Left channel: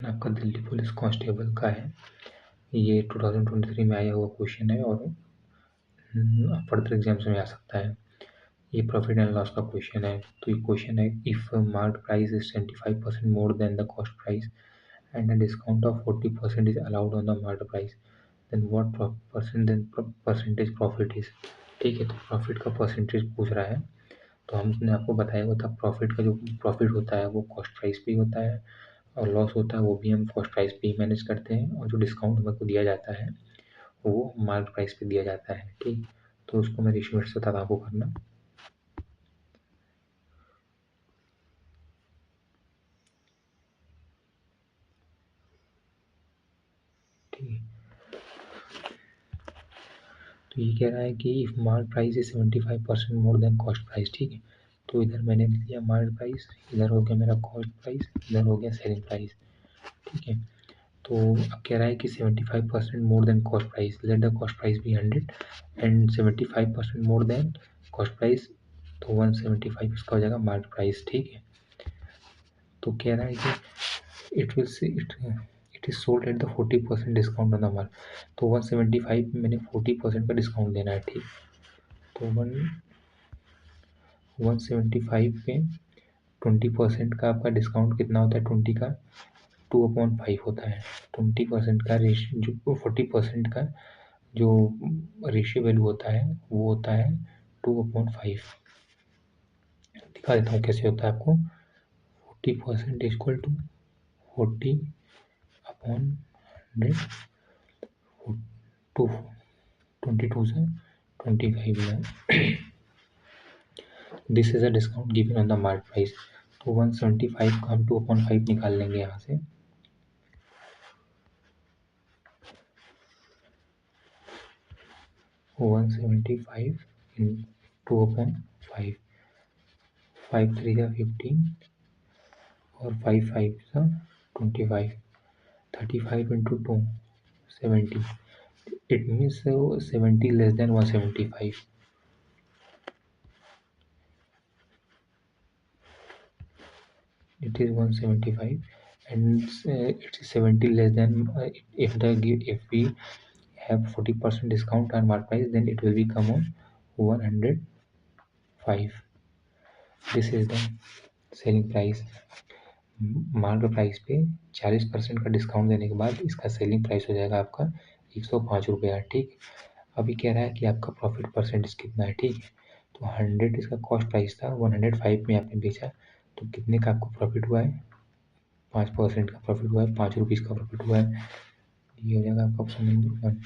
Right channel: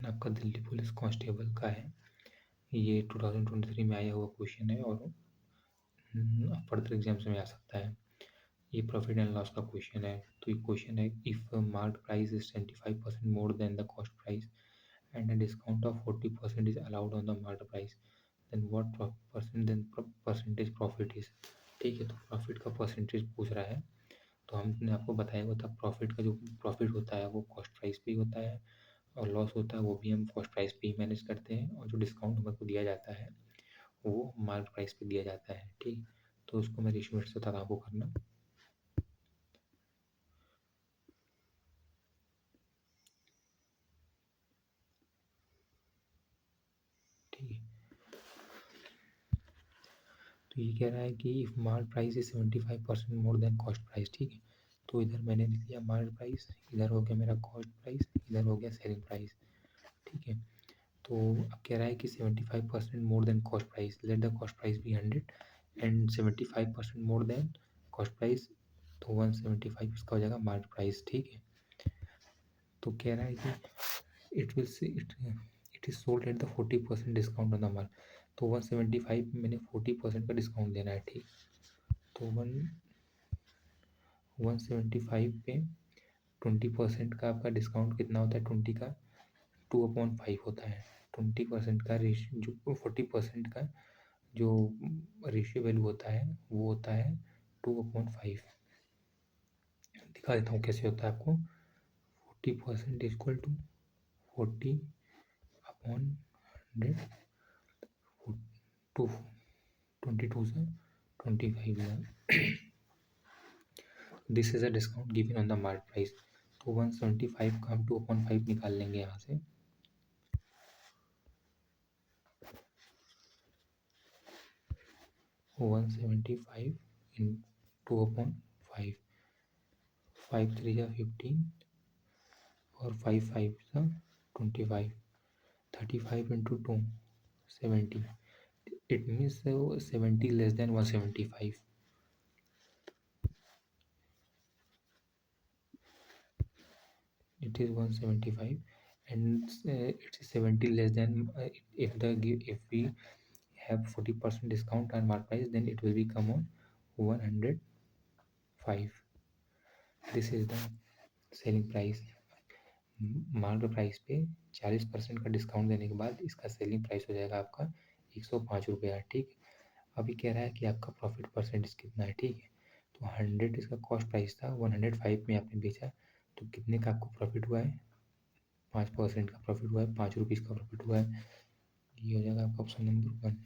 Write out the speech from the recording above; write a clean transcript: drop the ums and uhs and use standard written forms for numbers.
आपका Delhi police constable का है। ये 2023 में आया हुआ क्वेश्चन है और फर्दर एग्जाम्स में आ सकता है। ये प्रॉफिट एंड लॉस का क्वेश्चन है। तो ये क्वेश्चन है, if market price is 25% more than the cost price and a discount of 40% is allowed on the market price, then what percentage profit is. ठीक है, तो प्रॉफिट का परसेंटेज पूछ रहा है। तो हमने आपको बताया हुआ था, प्रॉफिट का जो प्रॉफिट होता है वो कॉस्ट प्राइस पे ही होता है, और लॉस होता है वो भी हम कॉस्ट प्राइस पे ही मैनेज करते हैं, और जो डिस्काउंट हमें को दिया जाता है वो मार्केट प्राइस पे दिया जाता है। ठीक, तो उसको मैं रेशियो से बताता आपको करना। ठीक है, तो ये कह रहा है कि if market price is 75% more than cost price. ठीक है, तो इधर मैंने लिया मार्केट प्राइस, इधर हो गया मेरा कॉस्ट प्राइस, इधर हो गया सेलिंग प्राइस। ठीक है, तो अब कह रहा है कि 75% more than cost price, let the cost price be 100 and 75% more than cost price, तो 175 इसका हो जाएगा मार्केट प्राइस। ठीक है, तो कह रहा है कि it is sold at the 40% discount on the mark. तो 175 में मैंने 40% का डिस्काउंट देना है। ठीक, तो 175 पे 20% का आपका डिस्काउंट कितना होता है? 20 का 2/5 होता है। 20% का रेशियो, जो 40% का जो रेशियो वैल्यू होता है वो होता है 2/5। दिखा देता हूँ कैसे होता है आपको। 40% इक्वल टू 40/100, टू 22 से 25 है। This is a discount given on the market price. तो 175 का हम 2/5 निकाल लेंगे यहाँ से। 175 इन 2/5, 5 3 या 15 और 5 5 का 25, 35 into 2 70। It means 70 less than 175। It is 175 and it is 70 less than if we have 40% discount on market price, then it will become on 105. This is the selling price. Market price पे 40% का discount देने के बाद इसका selling price हो जाएगा आपका 105 रुपया। ठीक, अभी कह रहा है कि आपका प्रॉफिट परसेंटेज कितना है। ठीक है, तो 100 इसका कॉस्ट प्राइस था, 105 में आपने बेचा, तो कितने का आपको प्रॉफिट हुआ है? 5% का प्रॉफिट हुआ है, 5 रुपीज़ का प्रॉफिट हुआ है। ये हो जाएगा आपका ऑप्शन नंबर 1।